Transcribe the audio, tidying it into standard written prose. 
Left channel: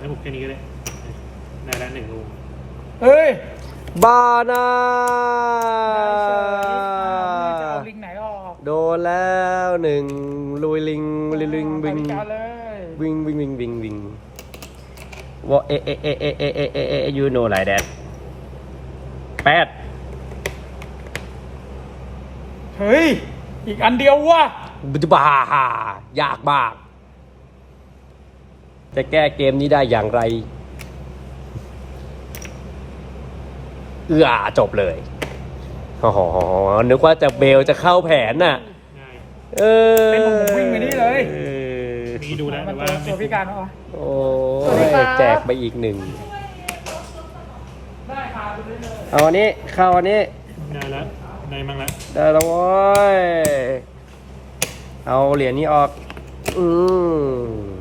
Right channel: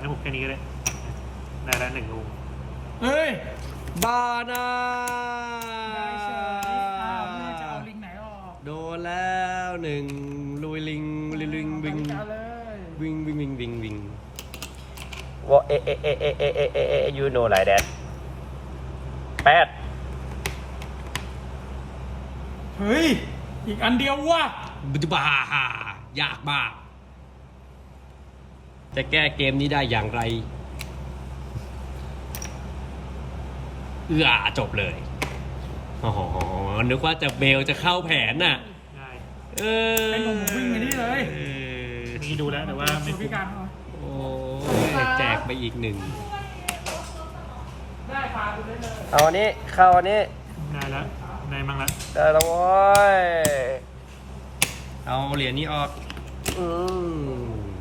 ให้ผมแค่นี้ก็ได้นานละ1 รูเฮ้ยบานาจะเอาลิงไหนออกโดนแล้ว1ลุยลิงลิงลิงวิงเลยวิงวิงวิงวิงวิงว่ายูโน่ไรแดด8 เฮ้ยอีกอันเดียวว่ะบ้ายากมากจะแก้เกมนี้ได้อย่างไรจบเลยอ๋อนึกว่าจะเบลจะเข้าแผนน่ะง่ายเป็นผมวิ่งไปนี่เลยนี่ดูแล้วแต่ว่าตัวพิการเหรอโอ้ยแจกไปอีก1 ได้พาไปเลยเอาอันนี้เข้าอันนี้ได้แล้วได้มั่งละได้แล้วโว้ยเอาเหรียญนี้ออกอืม